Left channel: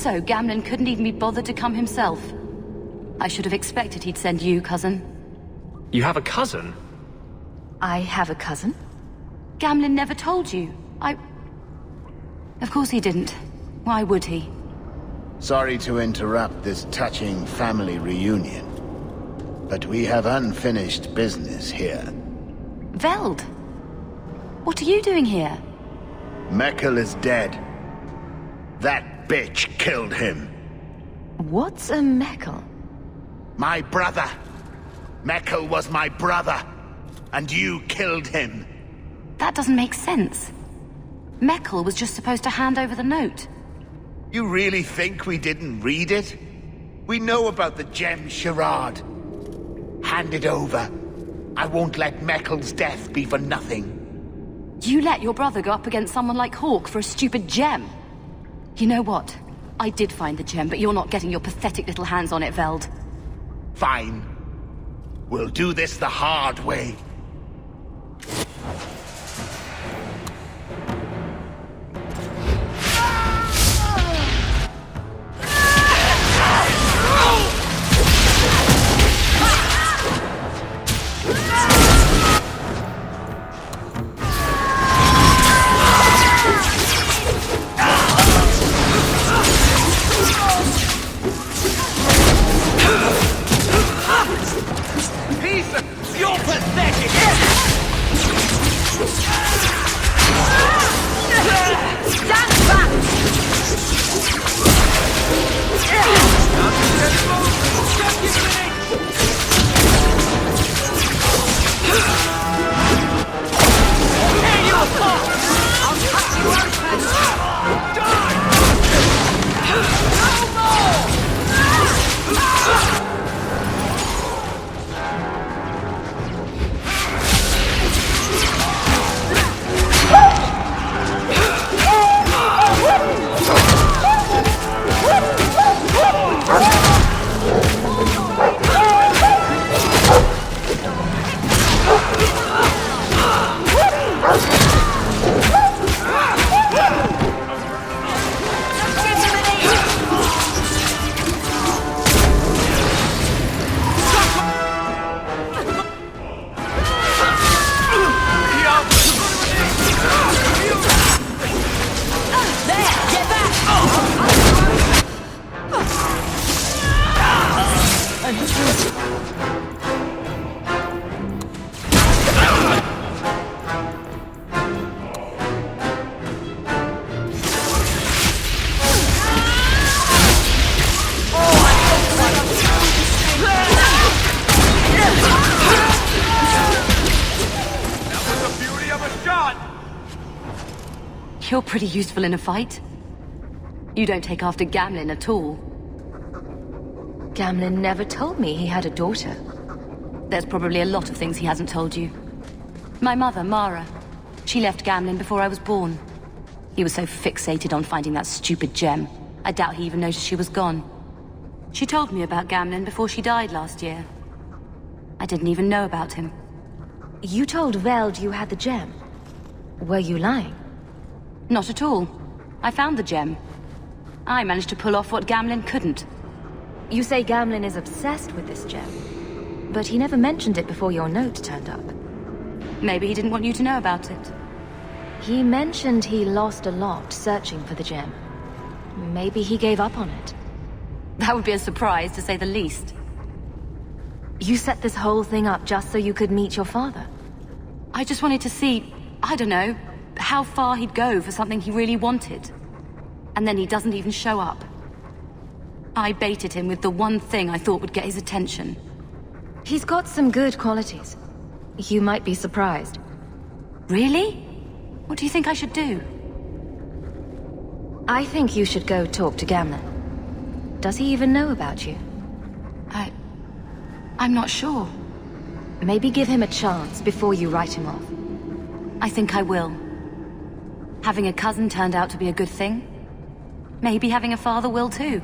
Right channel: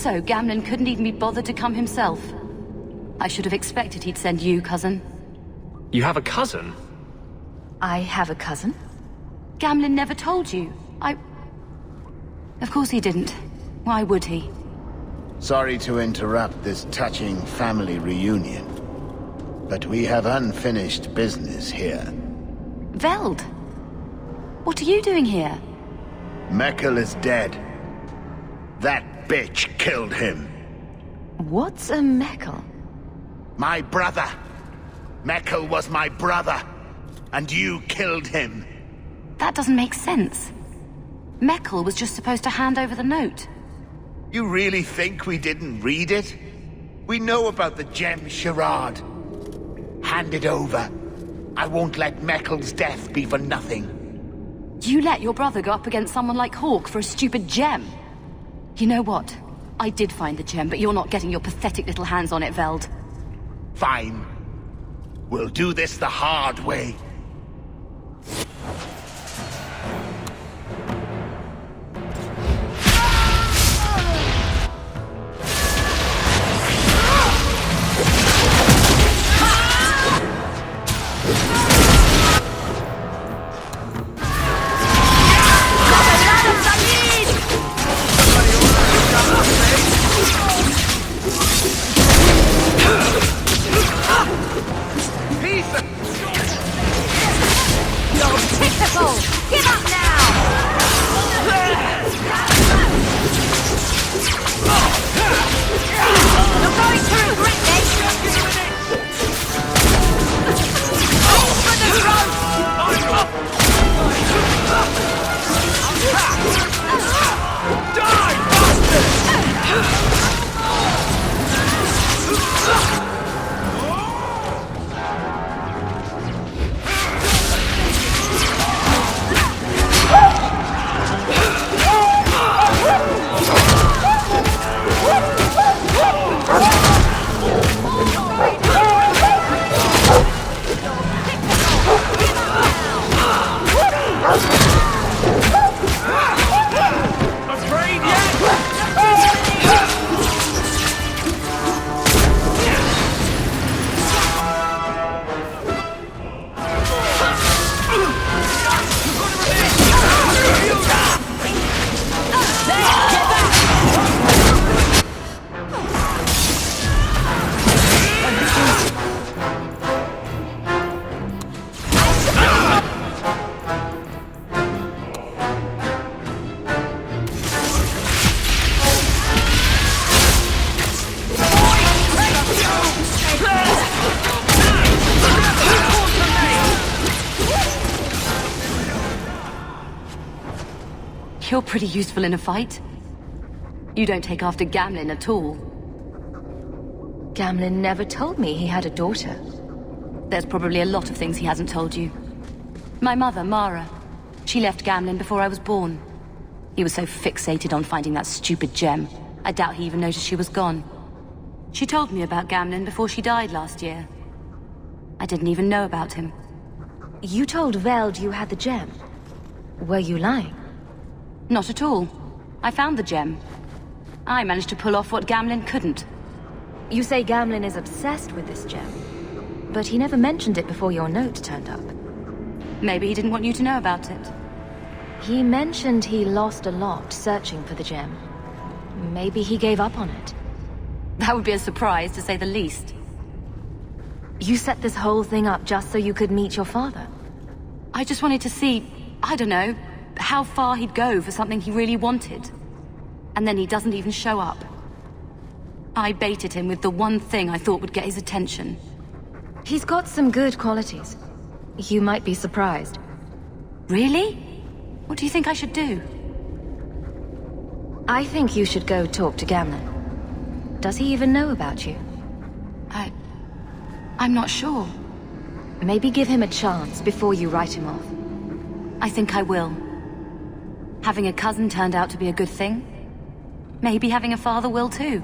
So Gamlen couldn't even be bothered to come himself. I should have expected he'd send you, cousin. You have a cousin? I have a cousin? Gamlen never told you. Of course he didn't. Why would he? Sorry to interrupt this touching family reunion, but we have unfinished business here. Veld! What are you doing here? Meckel is dead. That bitch killed him. What's a Meckel? My brother. Meckel was my brother, and you killed him. That doesn't make sense. Meckel was just supposed to hand over the note. You really think we didn't read it? We know about the gem charade. Hand it over. I won't let Meckel's death be for nothing. You let your brother go up against someone like Hawk for a stupid gem? You know what? I did find the gem, but you're not getting your pathetic little hands on it, Veld. Fine. We'll do this the hard way. You're pretty useful in a fight. You don't take after Gamlen at all. Gamlen never told me he had a daughter. There's probably a lot of things he hasn't told you. My mother, Mara, she left Gamlen before I was born. He was so fixated on finding that stupid gem, I doubt he even noticed she was gone. She told me about Gamlen before she died last year. I didn't even know about him. You told Veld you had the gem. Were you lying? Not at all. I found the gem. I managed to pull off what Gamlen couldn't. You say Gamlen is obsessed with this gem, but he never mentioned it before your note turned up. Maybe he didn't want you to know about it. He mentioned he lost a lot searching for the gem. Maybe he gave up on it. That would be a surprise, to say the least. You set this whole thing up just so you could meet your father? I just wanted to see, I don't know, how far he'd go for something he really wanted. And then he doesn't even show up. I baited him with the one thing I thought would get his attention. He's got some good qualities. You might be surprised. Really? What do you think I should do? I think you should go talk to Gamlen. Does he even know about you? I'm not sure. Maybe give him a chance before you write him off. I think I will. Having a cousin turned out to be a good thing. Maybe having a father will too.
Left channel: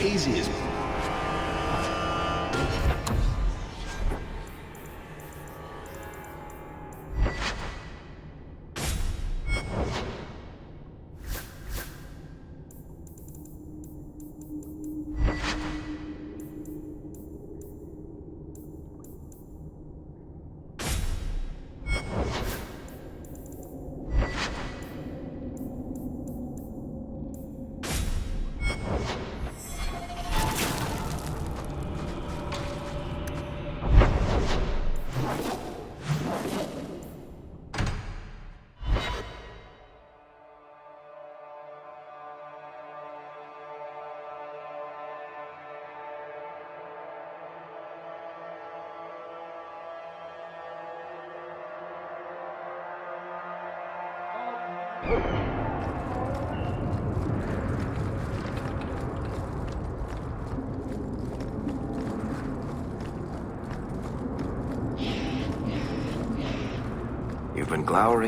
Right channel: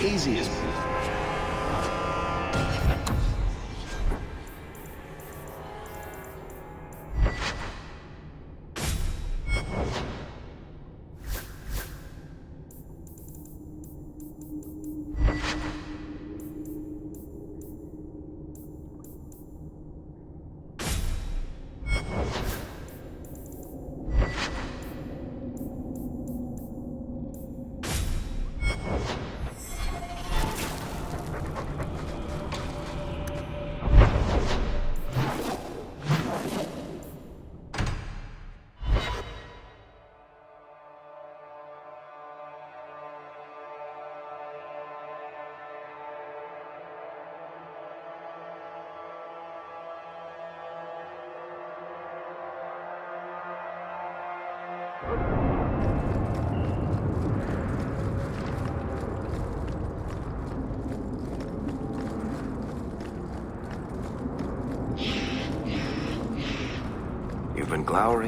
Easy as...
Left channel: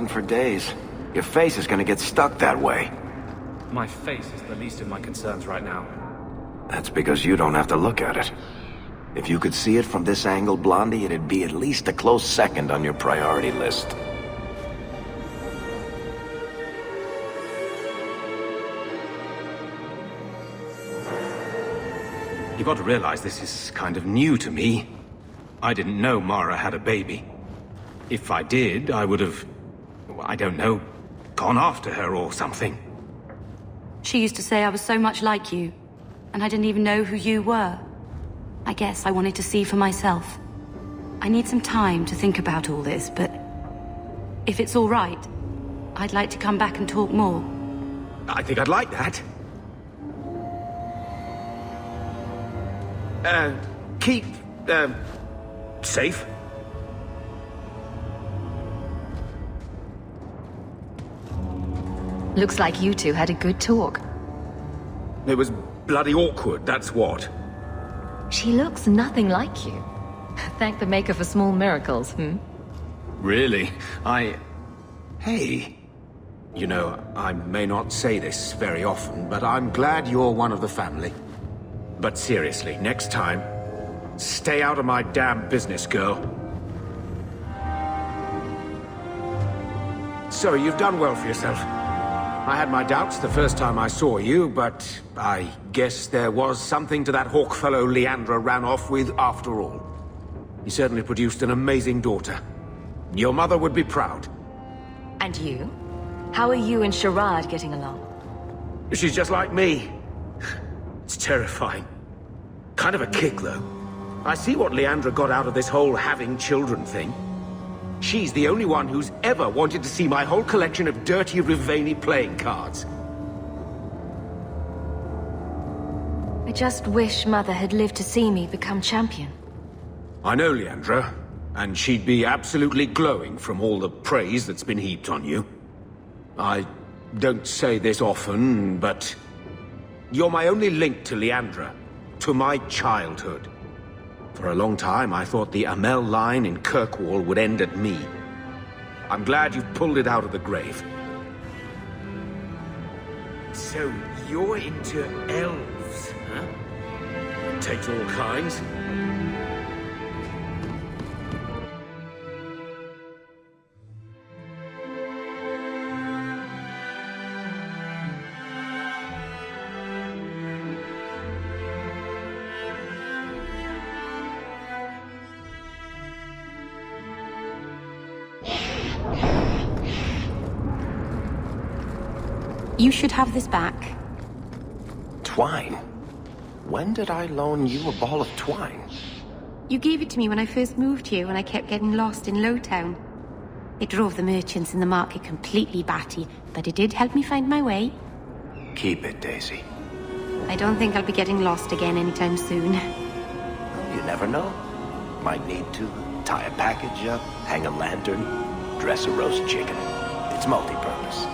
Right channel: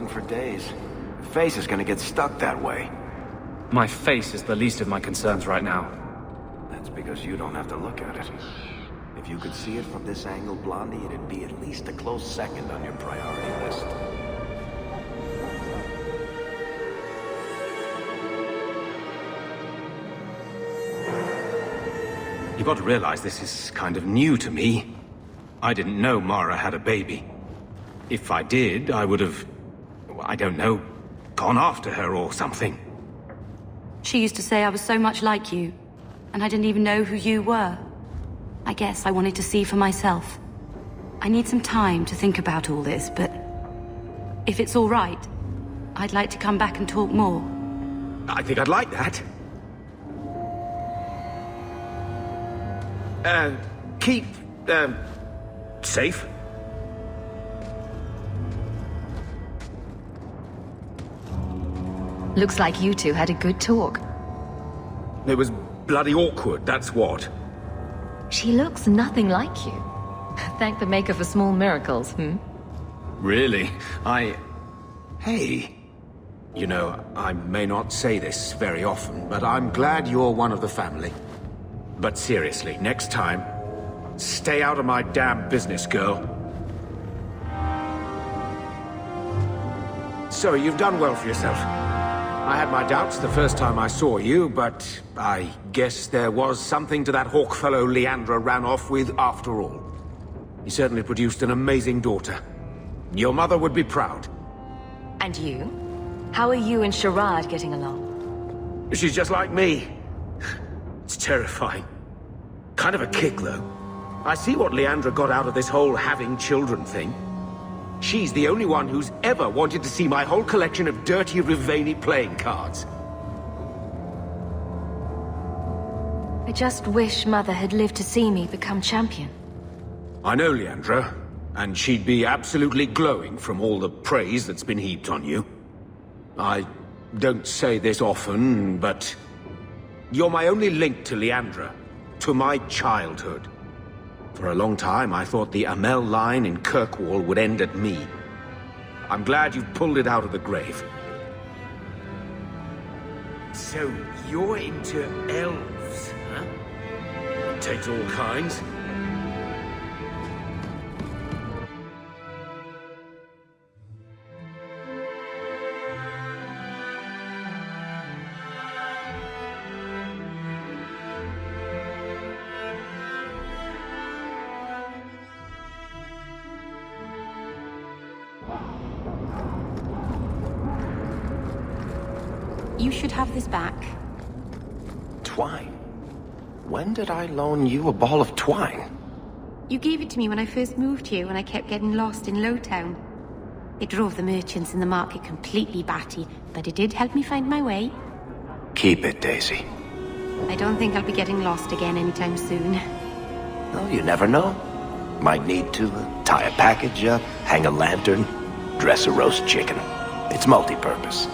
For days. Your face is gonna get stuck that way. My face is the least of my concerns right now. That's because you don't have to look at it. If you could see it from this angle, Blondie, it'd be at least a close second on your priority list. You've got to realize this is kind of new to me. I didn't know Mara had a baby. If I did, I would have... I don't know, gone after her or something. She used to say I was so much like you, and I didn't even know who you were. I guess I wanted to see for myself. I need some time to think about all this, but if it's all right, I'd like to come back and talk more. I think I'd like that. Keep, safe. Looks like you two had a good talk. It was bloody awkward, that's what. She looks nothing like you. Thank the Maker for small miracles, Really? Hey. You know, I may not say this very often, but I'm glad you're one of the family. But seriously, next time, stay out of my damn business, girl. So, you've done well for yourself. I had my doubts the first time I saw you, but I guess there was something to that hawk fellow Leandra ran off with after all. He certainly produced an amazing daughter. Your mother would be proud. And you? How are you and Sherrod getting along? She's just like me. It's terrifying. Kind of a kick, though. I see what Leandra got out of this whole having children thing. She's the only one who's ever wanted to see my whole collection of dirty Rivani playing cards. I just wish Mother had lived to see me become champion. I know, Leandra, and she'd be absolutely glowing from all the praise that's been heaped on you. I don't say this often, but you're my only link to Leandra, to my childhood. For a long time, I thought the Amel line in Kirkwall would end at me. I'm glad you've pulled it out of the grave. So, you're into elves, huh? It takes all kinds. You should have this back. Twine? When did I loan you a ball of twine? You gave it to me when I first moved here when I kept getting lost in Lowtown. It drove the merchants in the market completely batty, but it did help me find my way. Keep it, Daisy. I don't think I'll be getting lost again anytime soon. Well, you never know. Might need to tie a package up, hang a lantern, dress a roast chicken. It's multi-purpose.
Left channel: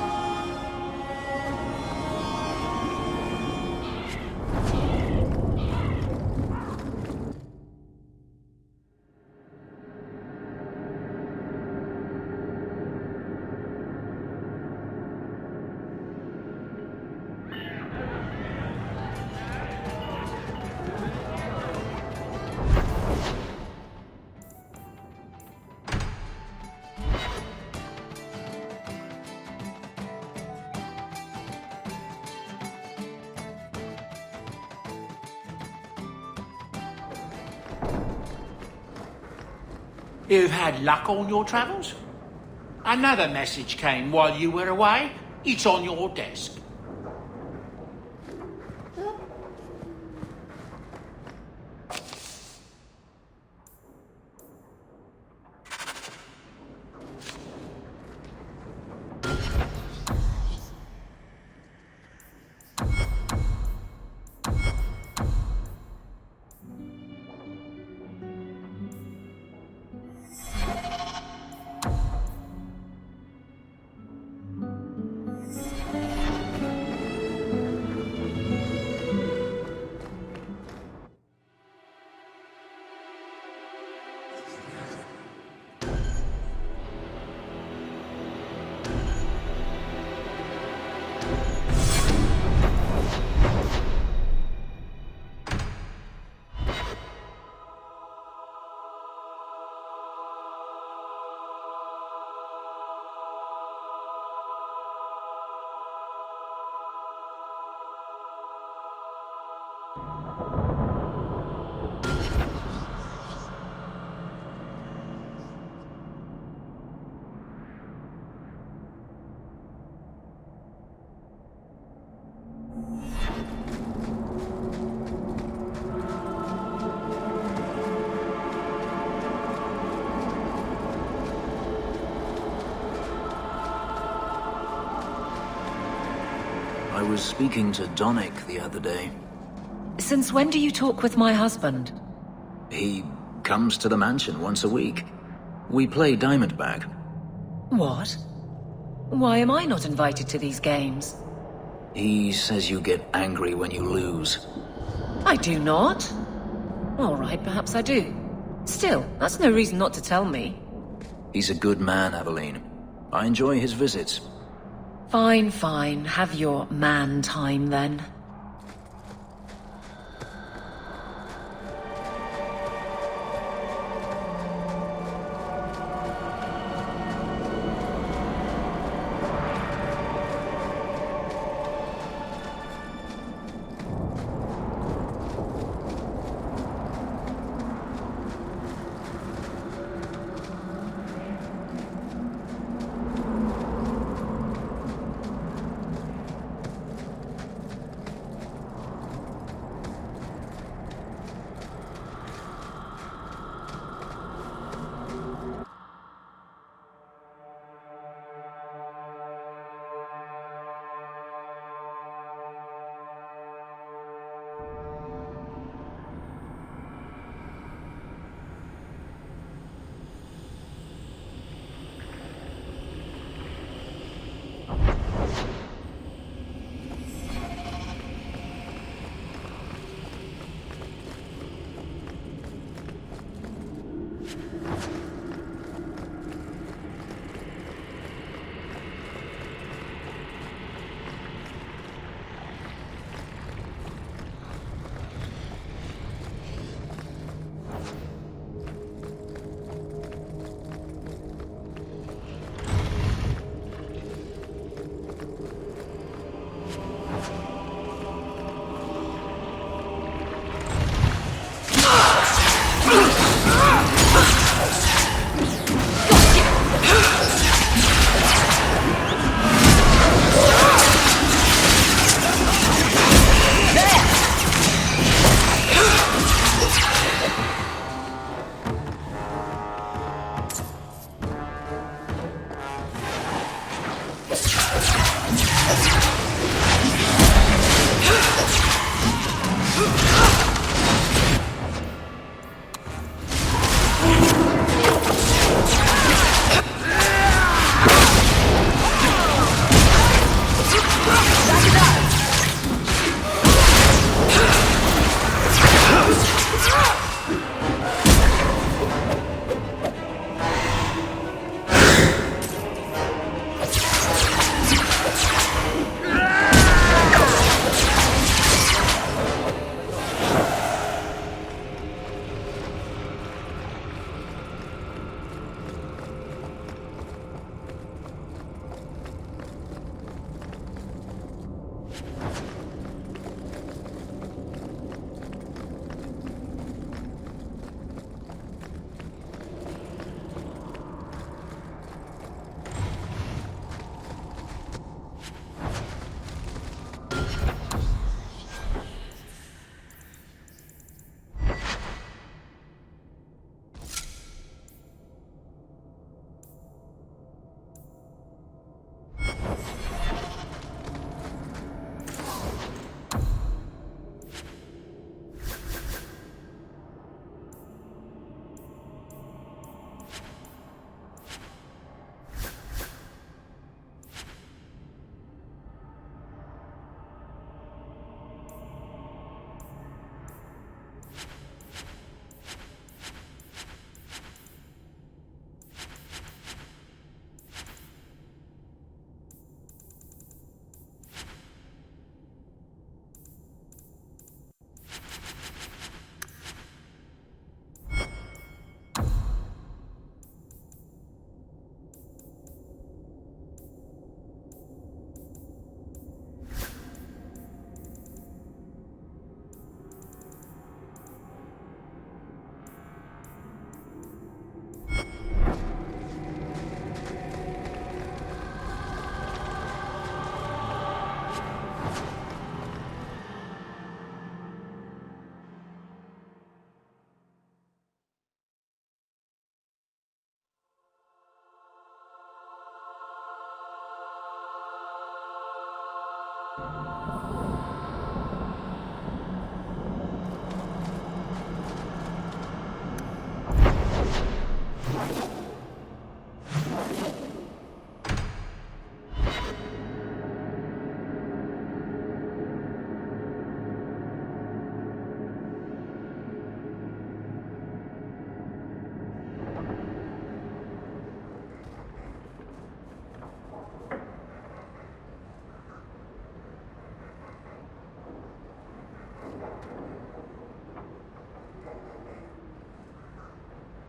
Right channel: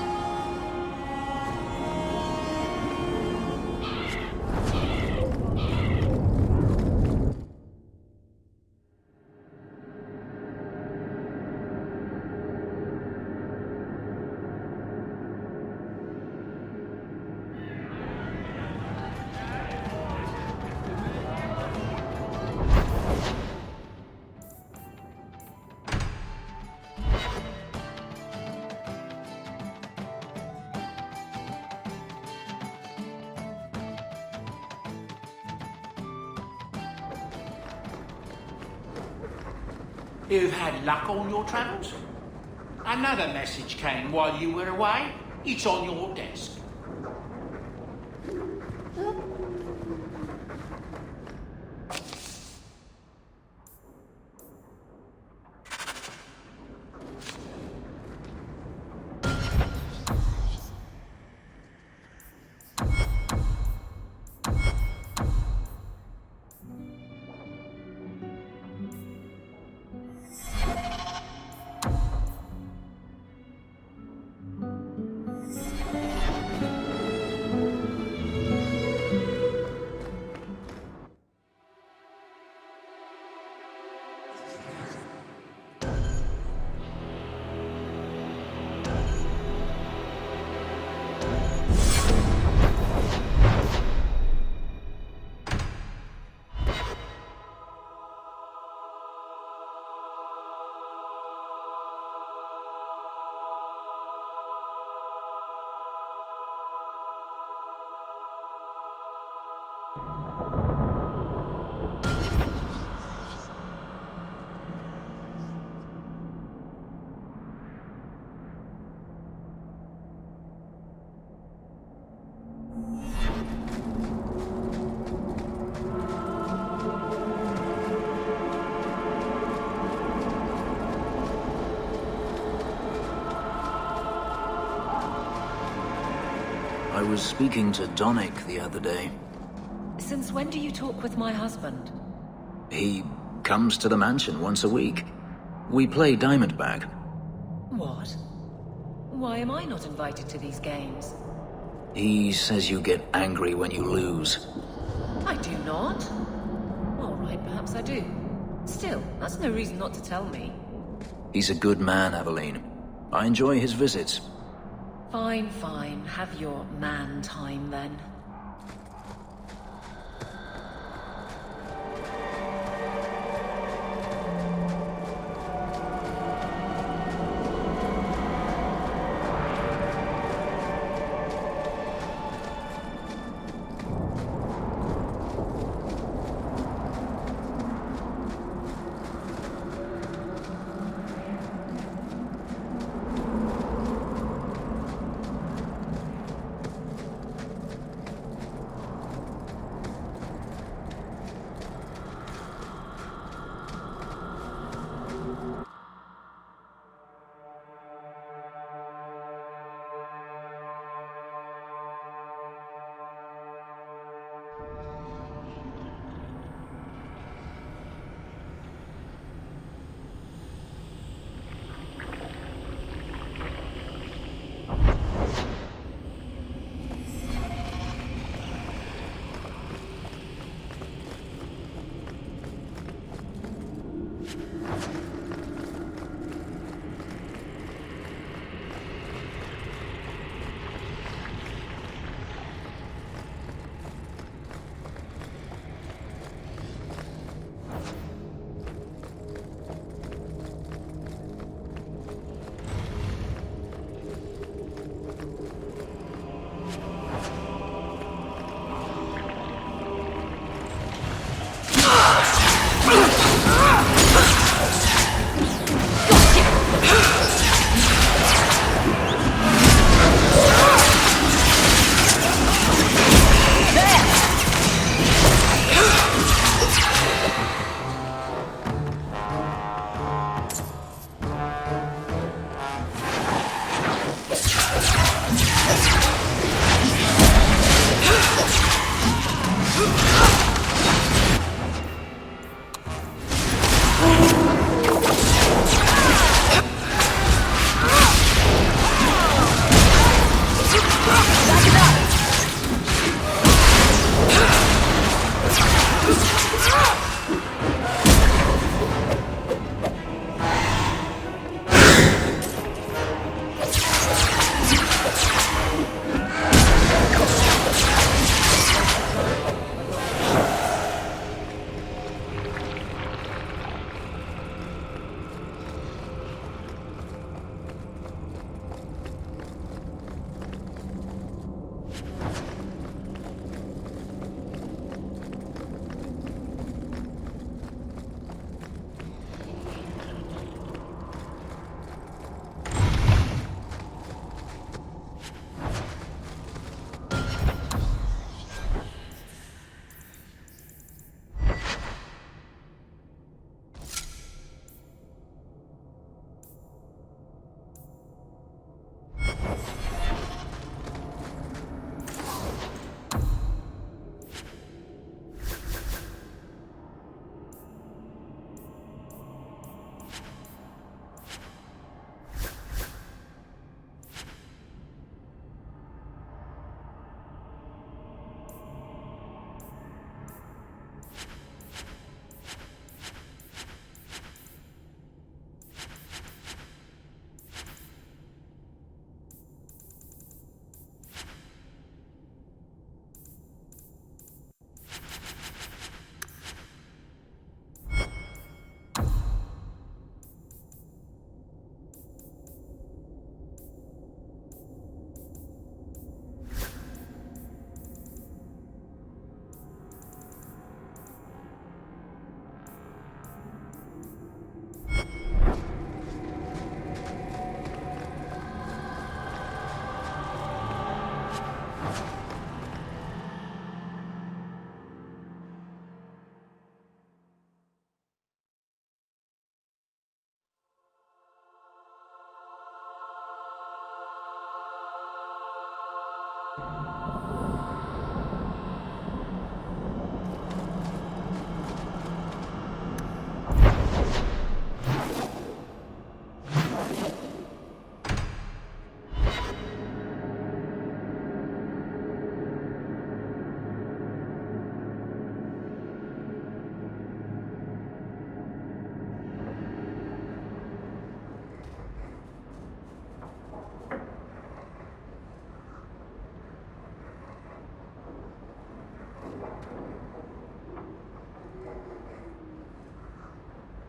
You've had luck on your travels? Another message came while you were away. It's on your desk. Since when do you talk with my husband? He comes to the mansion once a week. We play Diamondback. What? Why am I not invited to these games? He says you get angry when you lose. I do not. All right, perhaps I do. Still, that's no reason not to tell me. He's a good man, Emily. I enjoy his visits. Fine, fine. Have your man time then.